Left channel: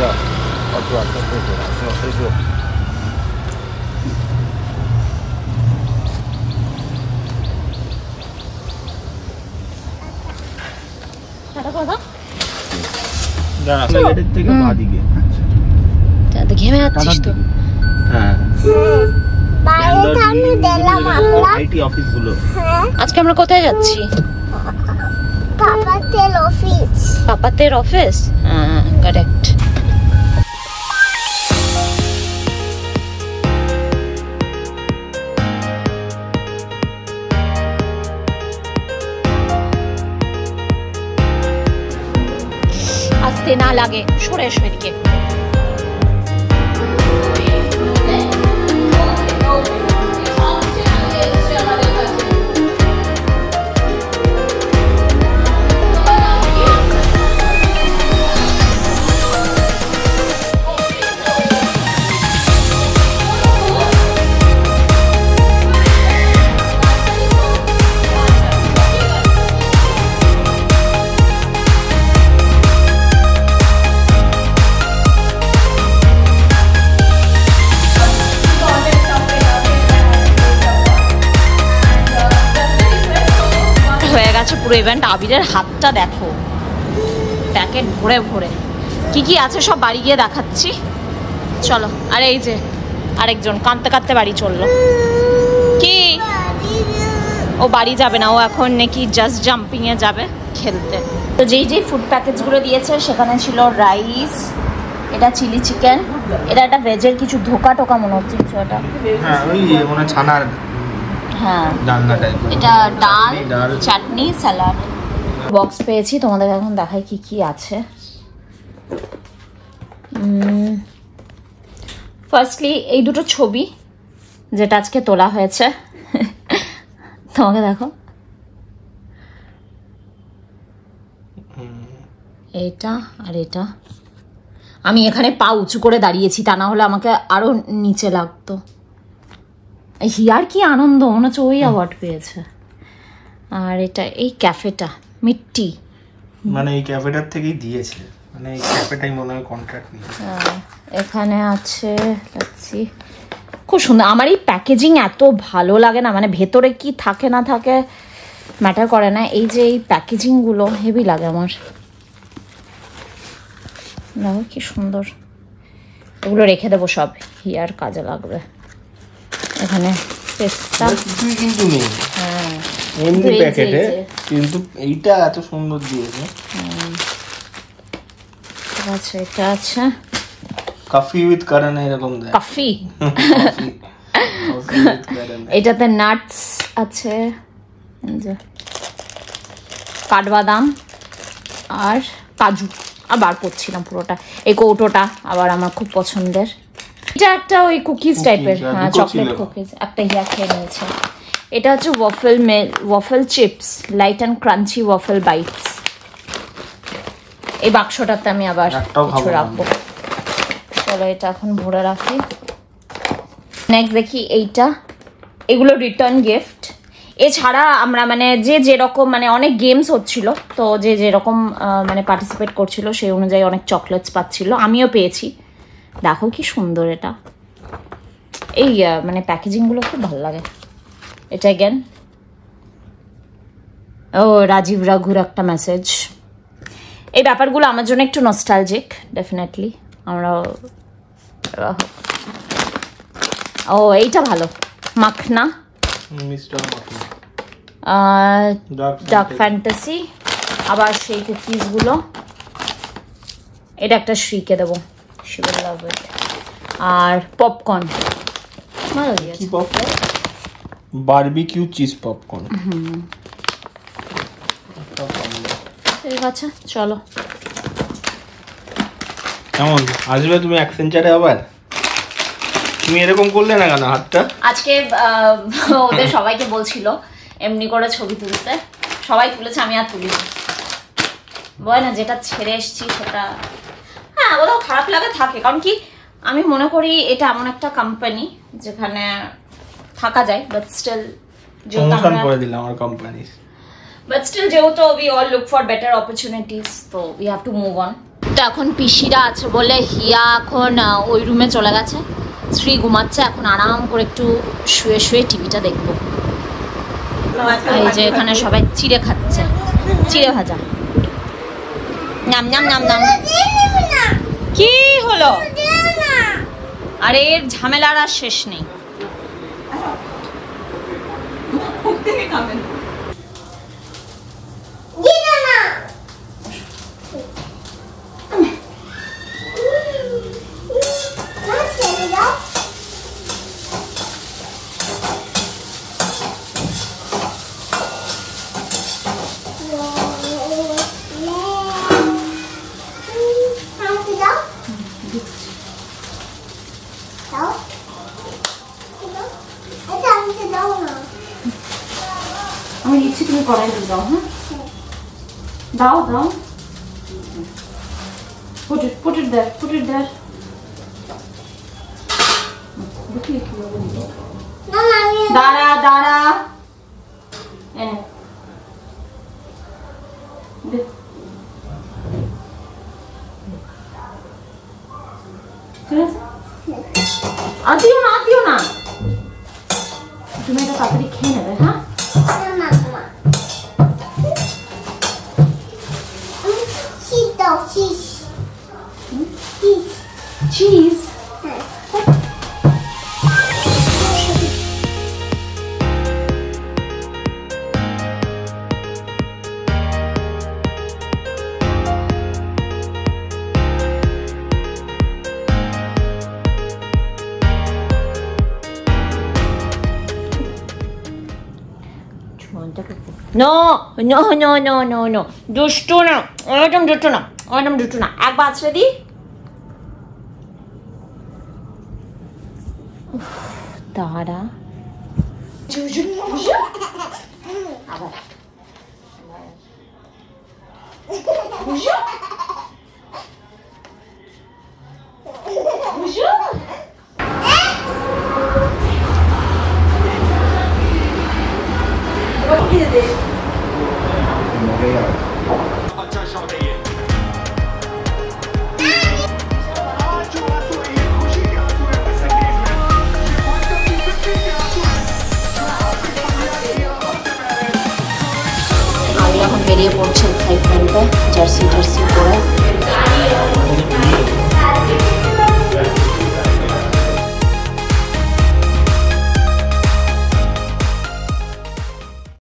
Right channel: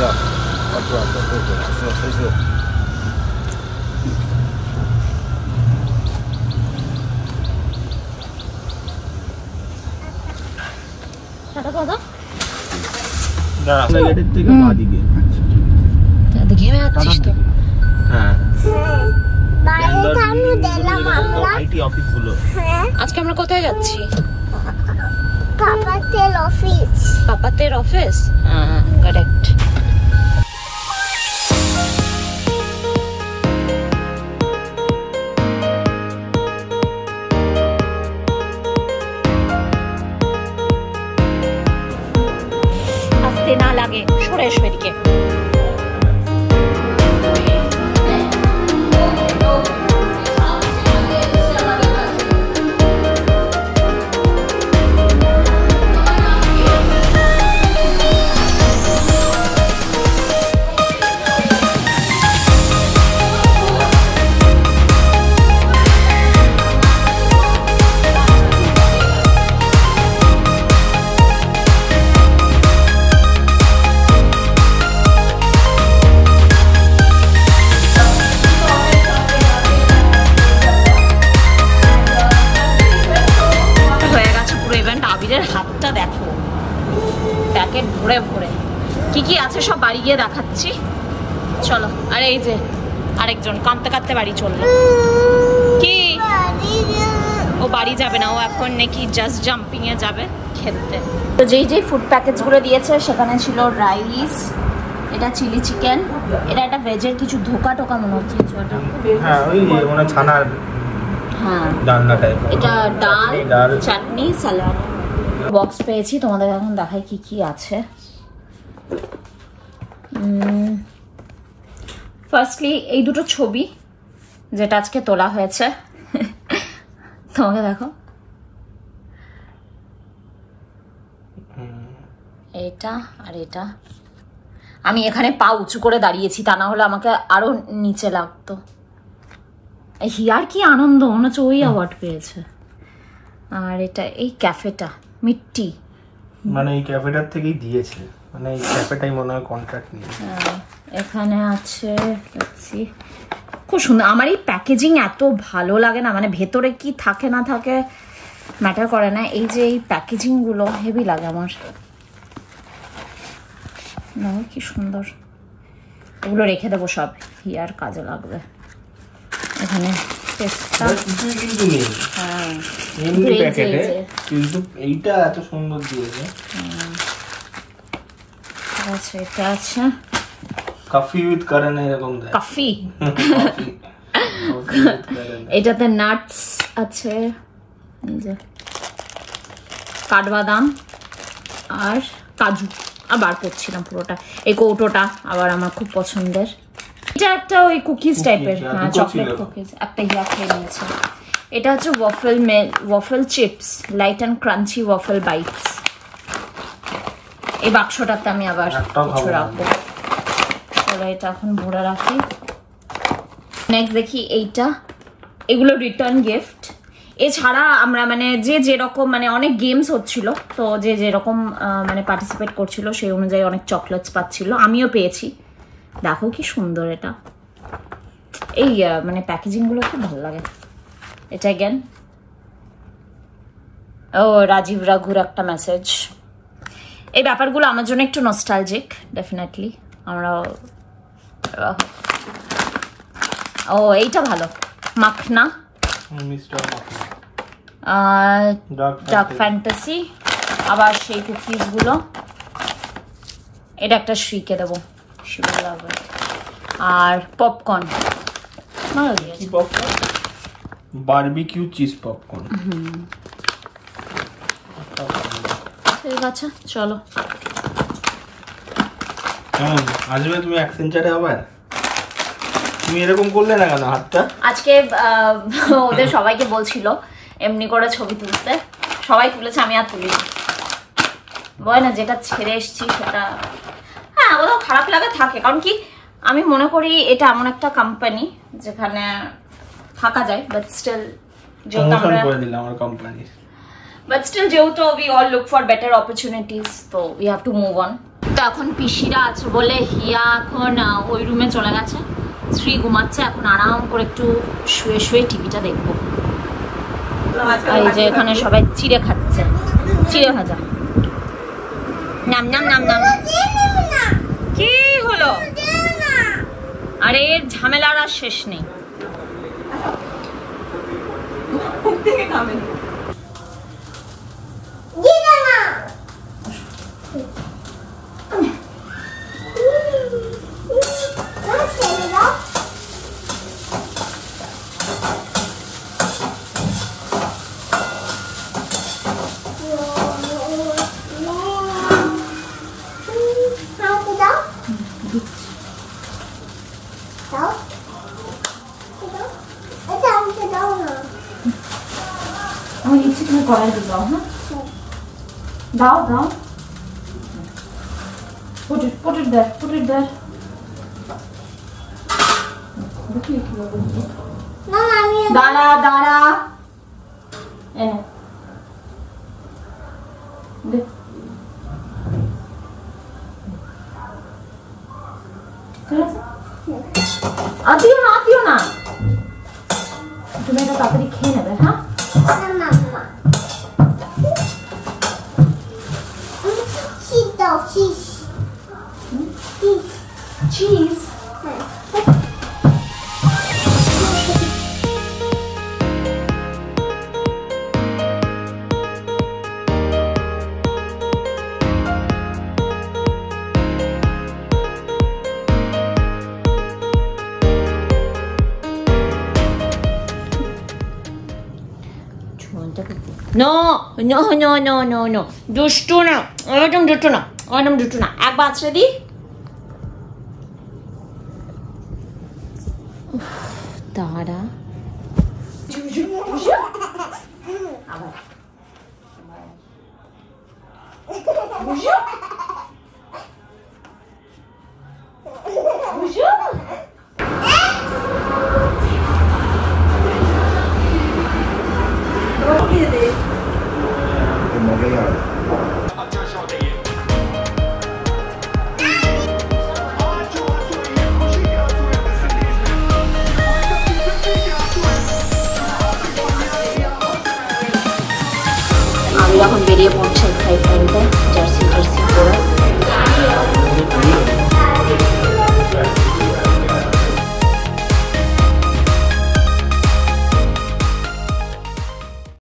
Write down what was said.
যাও আচ্ছা আচ্ছা এসো টাটা কথা দাঁড়া এর থেকে বাদিকে আচ্ছা ঘেমে যাচ্ছিস তো হ্যাঁ বাইরে কানে দিলাম আমরা আইটি অফিস গুলো আজকে আমরা কোথায় যাচ্ছি পাপাতের অফিস পাপাতের অফিস কারেক্ট আসতে না লাগে সরে এসো এদিকে ইভেন্ট আবিরের হাতটা দেখো প্যাকেট ভরে ভরে কি কি আছে সব বাড়ি গিয়ে দেখাচ্ছি চলো আর এই যে আরেকজন কাঁদতে কাঁদতে বাড়ি চললো কি ও বাড়ি যাবে না ও এখন নাকি জাস্ট জাম্পিং এ যাবে খেলতে তো যেই যেই ফুড প্যাকেজ গুলো দিয়েছে সেখানে ছিল রাইস এটা চিলি চিকেন এটা একটা ভেজের কিছু ধোকা টোকা মনে হচ্ছে এটা হ্যাঁ ওই মানে ছানার হ্যাঁ ডালনা টাইপ এটা ডাল চাটনি সালাড বক্স পেয়েছি তোমাদের এখন দেখাই কি কি আছে ফার্স্টলি এই দুটো ছবি যেটা আজকে তোলা হয়েছে তোমাকে দেখো এটা আর এটা আমি এখানে পা উঁচু করে দাঁড়িয়েছি তা না হলে আমাকে আরো নিচে লাগতো হিয়ার কি আনন্দ মনে হচ্ছে ওই অ্যাওয়ার্ড পেয়েছে আর এটা এই ক্যাফেটা মিট্টি মানে এই ক্যাফেটার থেকেই দিয়েছে মানে এই ক্যাফেটাই মনে হয় কন্ট্রাক্ট নিয়েছে এখানে আছে দেখছি খুব সুন্দর আমার এই প্যাকেজিং এত ভালো লাগে না মানে ভেতরে কি থাকে না থাকে ম্যাটার করে না এই যে এই প্যাকেজিং গুলো হেভি লাগে আমার দেখো কি সুন্দর এগুলো রেখে দেবো সব হিয়ার কাজে লাগবে এখানে পেস্তা কিন্তু নেই হ্যাঁ এমনি প্যাকেটে কিন্তু এইটা এত সুন্দর দিয়েছে আচ্ছা এটা আছে কফি উইথ কারণ এরকম দেয় কফি এটাতে নাটস আছে যে কাঠবাদাম আর কাজু আবার পড়ছিলাম পুরোটা এই কৌটোটা আবার আমার খুব পছন্দের এটা একটা ওই কুকিজ টাইপের হ্যাঁ চকলেট কুকিজ একটা ইয়া খেয়ে নিয়েছে এটা হচ্ছে waffle chips light and crunchy waffle bites এই বাক্সটাতে আমি আবার কিছু রাখবো চলো এটা এখন ভরে রাখি নেক্সট দেখি এইটা এগুলো রিটার্ন গিফট এছাড়া আমরা মানে যে যেরকম মানে অনেক গেমস হচ্ছিল তো যে যেরকম মানে পার্টিসিপেট করছিল সেই অনুযায়ী অনেক চকলেটস পাচ্ছিল আমিও পেয়েছি দেখো কি সুন্দর এটা এই মানে প্যাকেজিং গুলো খুব ভালো লাগে এটা অ্যাগেন ও রাজীব রাঘুর একটা মেসেজ এই ব্যাপারগুলো আমার জন্য একটু নস্টালজিক ডেফিনেটলি আমরা ও এইটা ভালো makhana mister makhana dark fantasy আবার সেই কুকিজ গুলো এটা একটা শ্রীকে দেবো আর পপকর্ন কি পপকর্ন বারবিকিউ চিজ পপকর্ন ঠিক আছে চলো কেমন আসবে তুমি অ্যাক্সেঞ্চারে আবার তুমি এরকম করলে না কেন হাতটা আজকে ওদের সবাইকে বলছিল এমনি করে ছবি তুলতে সবাই তুলেছে আমি আর তুলিনি বয় না যেটা ছেড়ে এসছি সেটা হ্যাঁ ওটাও খারাপ লাগে থাকে কারণ কি আমি মনে করি এটা এমন একটা কোম্পানি যেখানে থাকা যায় বাট স্টিল যেহেতু আমরা করে দিলাম আমার কোম্পানি বাট স্টিল যেহেতু we all look for better opportunities so we have to move on তো এখন পিসিরা আছে বলে হিয়া এখন ওই রুমে চলে গেছে, শ্রী ঘুমাচ্ছে, এখন আরাম করে একটু শুয়ে শুয়ে টিভিটা দেখবো। এই যে এখানে সবাই চিড়ে খাচ্ছে, চিড়ে ভাজা। নাম নাম নাম নাম। কি হলো? আরে এর ঝামেলার আর শেষ নেই। আমি ইচ্ছে তুমি কড়াই দাও। হ্যাঁ দাও দাও। put it there দেখি কিভাবে দিই। দাঁড়া দাঁড়া এনে দে। ঠিক আছে, আতিও না তুমি এটা তাড়াতাড়ি খেয়ে নেবে। হ্যাঁ চিজ নো দুষ্টু না, একদম দুষ্টু না। একবার আছড়ে দি। দাঁড়া আবার এখন বেরিয়ে পড়ছি।